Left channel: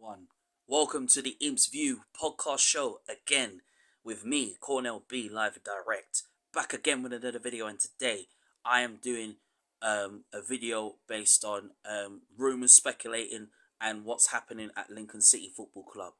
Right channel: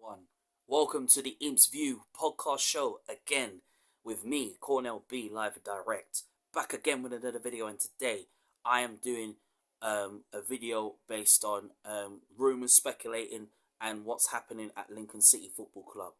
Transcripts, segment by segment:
One. Welcome to the Imps View podcast show again with me, Cornell B, live and direct. Back again with another video, and today I am doing a video based on rumors speculating and what's happening at Lincoln City Football Club.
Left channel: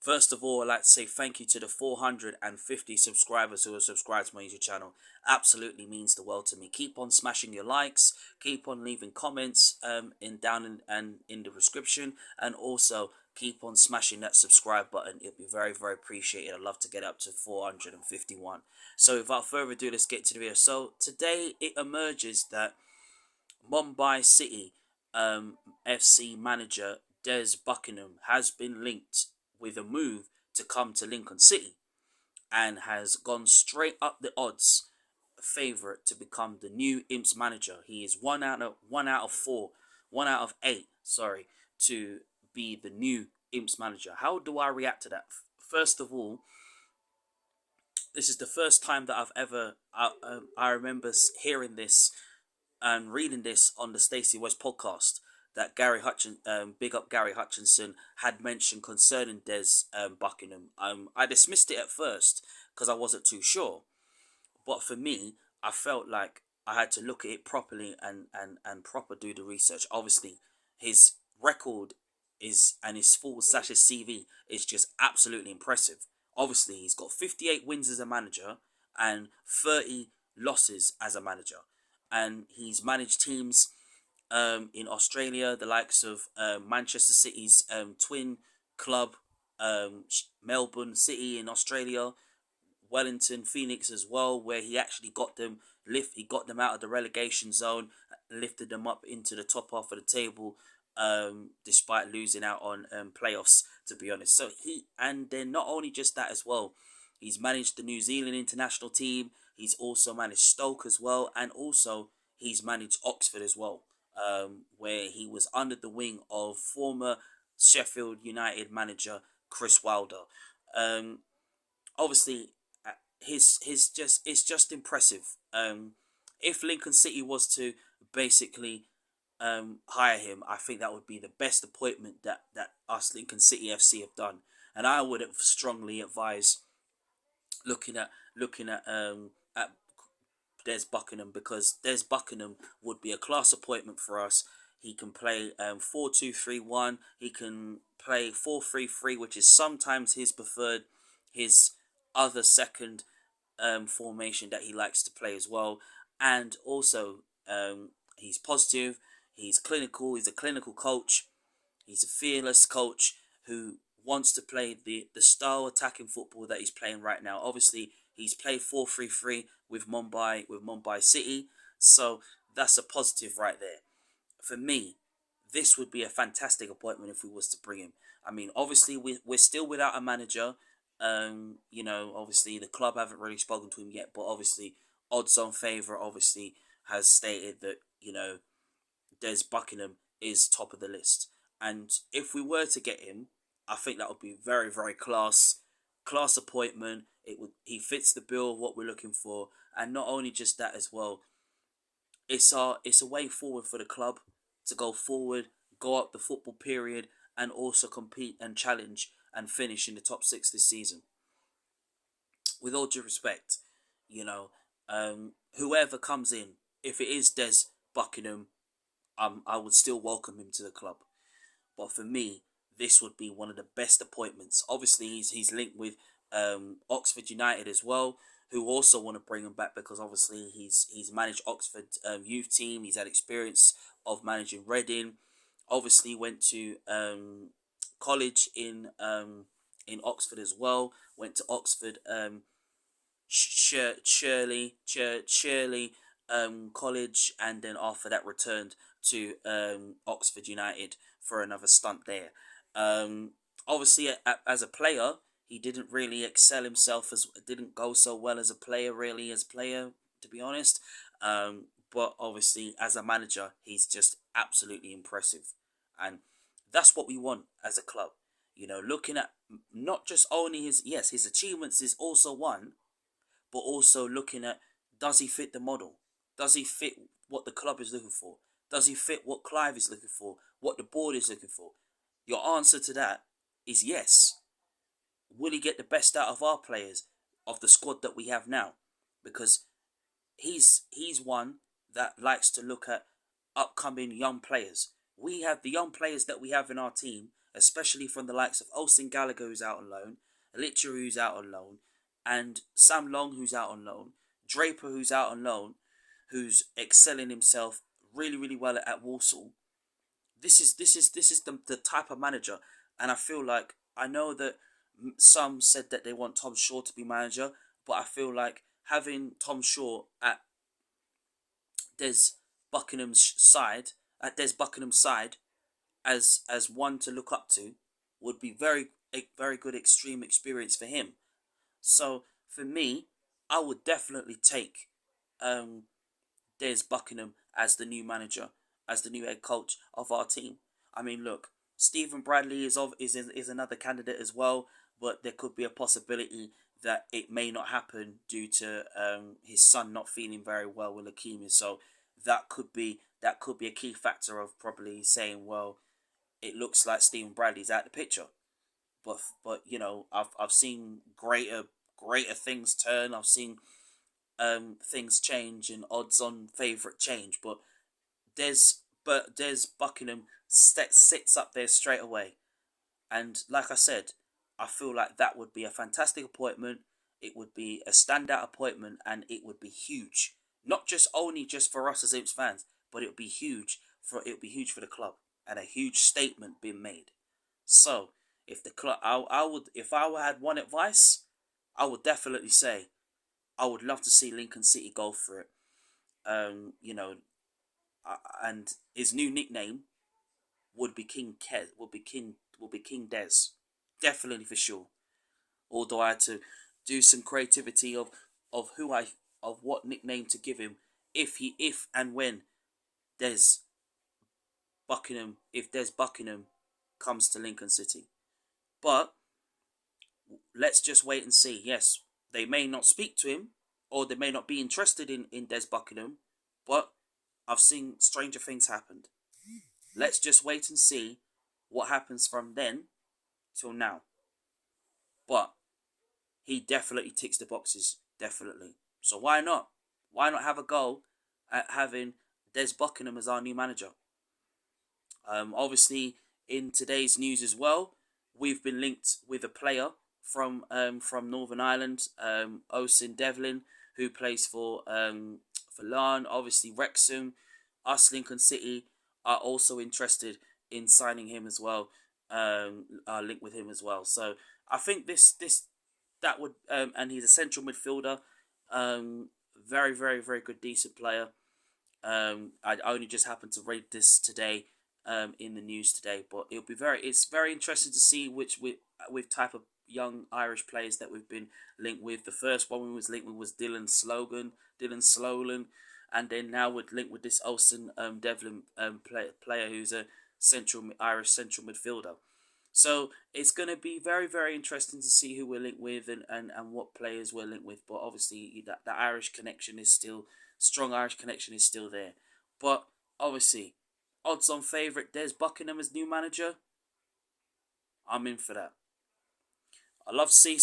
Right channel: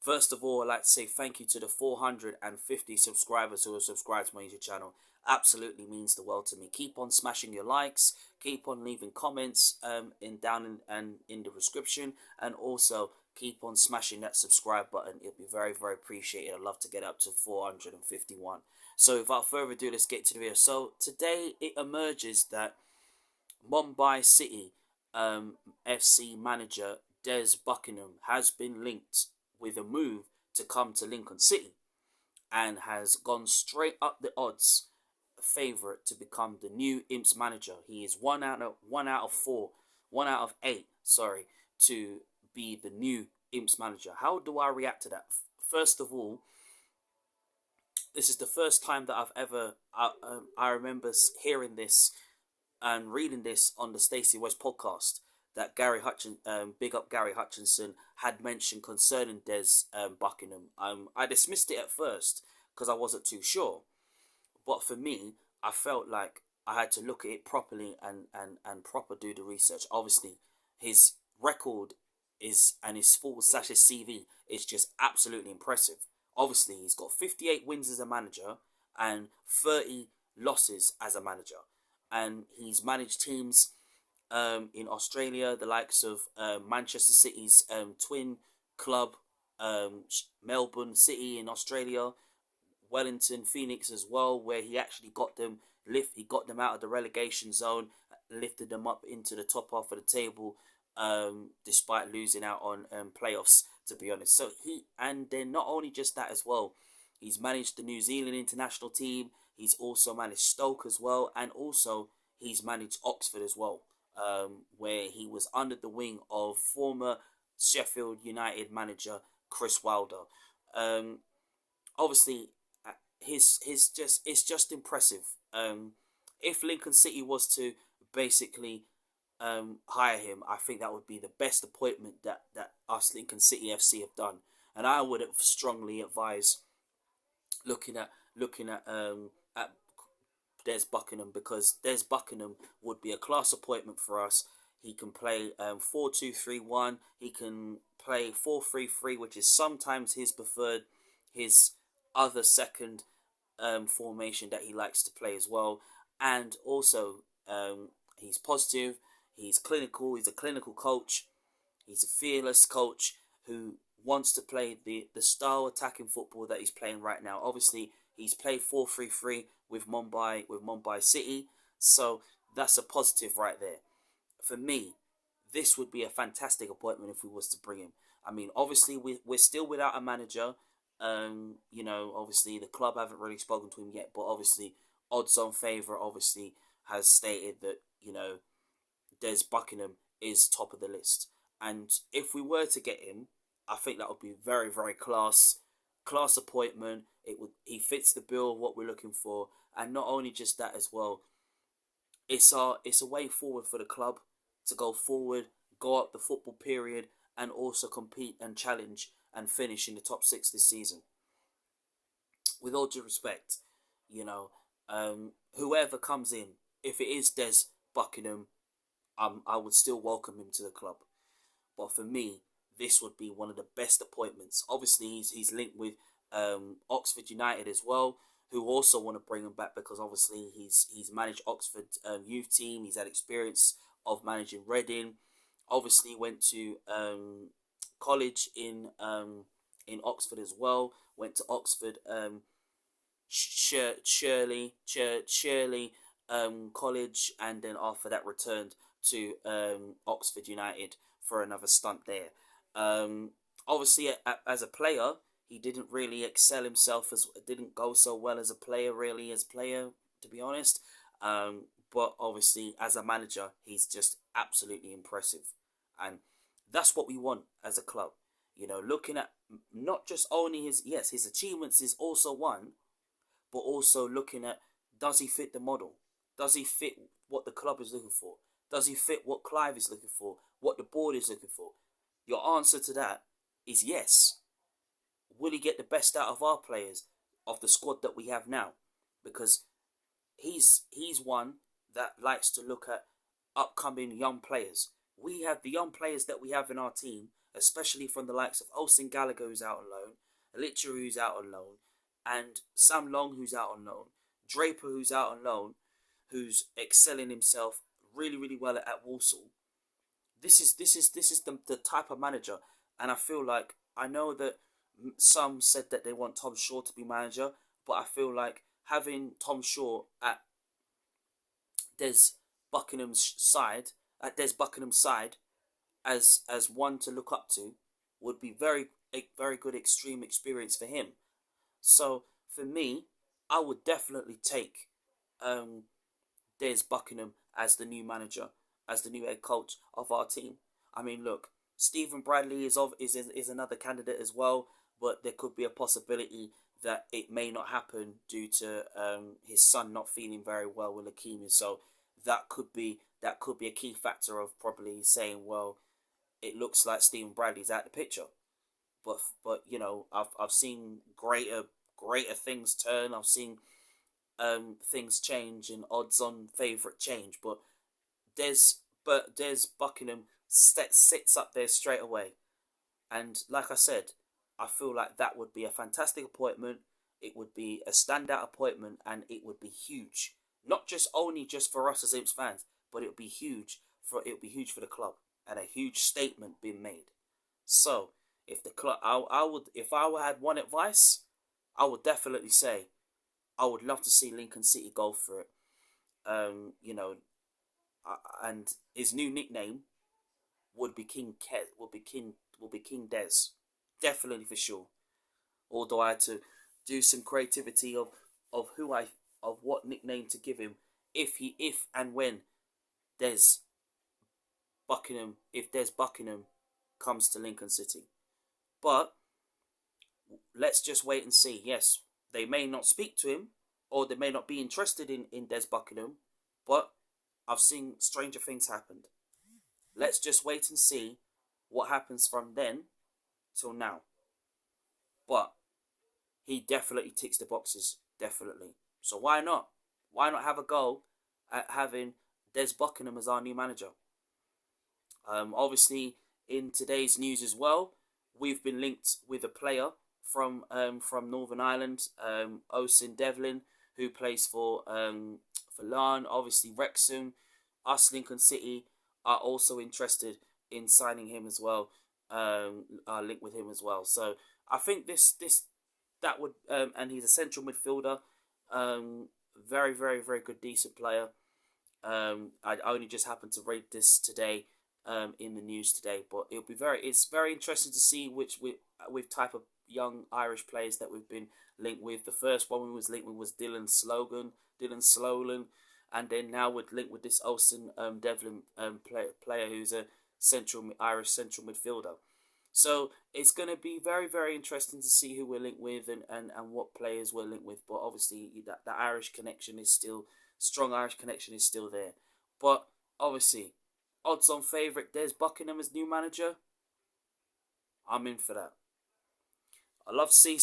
First of all, I'd like to say thank you to the 450 subscribers who have subscribed to my YouTube channel. Absolutely means the world to me. Keep on smashing your likes. Keep on leaving comments in the description, and also keep on smashing that subscribe button. It'll be very, very appreciated. I'd love to get up to 451. So without further ado, let's get to the video. So today it emerges that Mumbai City FC manager Des Buckingham has been linked with a move to come to Lincoln City and has gone straight up the odds favourite to become the new Imps manager. He is one out of eight, to be the new Imps manager. How do I react to that? First of all, this is the first time that I remember hearing this and reading this on the Stacey West podcast that big up Gary Hutchinson, had mentioned concerning Des Buckingham. I dismissed it at first because I wasn't too sure, but for me, I felt like I had to look at it properly and proper do the research. Obviously, his record and his full slash his CV is just absolutely impressive. Obviously, he's got 58 wins as a manager and 30 losses as a manager, and he's managed teams in Australia, the likes of Manchester City's twin club, Melbourne City in Australia, Wellington Phoenix as well, where he actually got them out of the relegation zone, lifted them up into the top half of the table, despite losing out on playoffs, to be honest. And then not only just that as well, he's managed the New Zealand international team. He's also managed Stoke as well, and also he's managed Oxford as well, where he was under the wing of former Sheffield United manager Chris Wilder. Obviously, it's just impressive. If Lincoln City was to basically hire him, I think that would be the best appointment that us Lincoln City FC have done, and I would have strongly advised looking at Des Buckingham, because Des Buckingham would be a class appointment for us. He can play 4-2-3-1. He can play 4-3-3, which is sometimes his other second formation that he likes to play as well. And also, he's positive. He's clinical. He's a clinical coach. He's a fearless coach who wants to play the style attacking football that he's playing right now. Obviously, he's played 4-3-3 with Mumbai City, so that's a positive right there. For me, this would be a fantastic appointment if we was to bring him. I mean, obviously we're still without a manager. Obviously the club haven't really spoken to him yet, but obviously odds on favourite obviously has stated that Des Buckingham is top of the list, and if we were to get him, I think that would be very, very class appointment. He fits the bill of what we're looking for, and not only just that as well. It's a way forward for the club to go forward, go up the football period, and also compete and challenge and finish in the top six this season. With all due respect, whoever comes in, if it is Des Buckingham, I would still welcome him to the club. But for me, this would be one of the best appointments. Obviously, he's linked with Oxford United as well, who also want to bring him back because obviously he's managed Oxford youth team. He's had experience of managing Reading. Obviously, went to college in Oxford as well. Went to Oxford Shirley College, and then after that returned to Oxford United for another stunt there. Obviously, as a player, he didn't really excel himself, didn't go so well as a player, to be honest. But obviously, as a manager, he's just absolutely impressive, and that's what we want as a club. Looking at not just only his achievements is also one, but also looking at, does he fit the model? Does he fit what the club is looking for? Does he fit what Clive is looking for? What the board is looking for? Your answer to that is yes. Will he get the best out of our players, of the squad that we have now? Because he's one that likes to look at upcoming young players. We have the young players that we have in our team, especially from the likes of Oisin Gallagher, who's out on loan, Elitcher, who's out on loan, and Sam Long, who's out on loan, Draper, who's out on loan, who's excelling himself really, really well at Walsall. This is the type of manager, and I feel like, I know that some said that they want Tom Shaw to be manager, but I feel like having Tom Shaw at Des Des Buckingham's side, as one to look up to, would be a very good extreme experience for him. So for me, I would definitely take um, Des Buckingham as the new manager, as the new head coach of our team. I mean, look, Stephen Bradley is another candidate as well, but there could be a possibility that it may not happen due to his son not feeling very well with leukemia. So that could be a key factor of probably saying, well, it looks like Stephen Bradley's out the picture. But I've seen greater things turn. I've seen things change and odds on favourite change. But Des Buckingham sits up there straight away. And like I said, I feel like that would be a fantastic appointment. It would be a standout appointment, and it would be huge. Not just only just for us as Imps fans, but it would be huge for the club, and a huge statement being made. So if the club, I would, if I had one advice, I would definitely say I would love to see Lincoln City go for it. Um, you know, and his new nickname would be King Des, definitely for sure. Although I had to do some creativity of who I of what nickname to give him if and when Des Des Buckingham comes to Lincoln City. But let's just wait and see. Yes, they may not speak to him, or they may not be interested in Des Buckingham, but I've seen stranger things happen. Let's just wait and see what happens from then till now. But he definitely ticks the boxes, definitely. So why not? Why not have a go at having Des Buckingham as our new manager? Obviously, in today's news as well, we've been linked with a player from Northern Ireland, Oisin Devlin, who plays for Larne. Obviously, Wrexham, us Lincoln City are also interested in signing him as well. Are linked with him as well. So I think that would and he's a central midfielder. Very, very, very good, decent player. I only just happened to read this today in the news today, but it's very interesting to see which with type of young Irish players that we've been linked with. The first one we was linked with was Dylan Slolan, and then now we're linked with this Oisin Devlin player who's a Irish central midfielder. So it's going to be very, very interesting to see who we're linked with and what players we're linked with. But obviously, that Irish connection is still strong. Irish connection is still there. But obviously, odds on favourite Des Buckingham as new manager. I'm in for that. I love to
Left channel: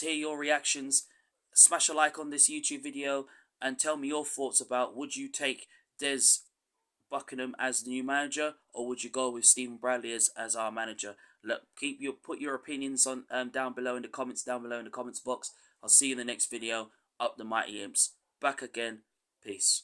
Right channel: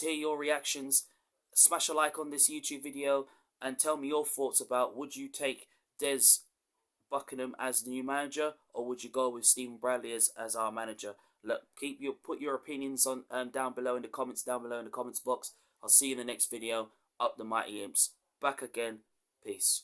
hear your reactions. Smash a like on this YouTube video and tell me your thoughts about, would you take Des Buckingham as the new manager, or would you go with Stephen Bradley as our manager? Look, put your opinions on down below in the comments box. I'll see you in the next video. Up the mighty Imps. Back again. Peace.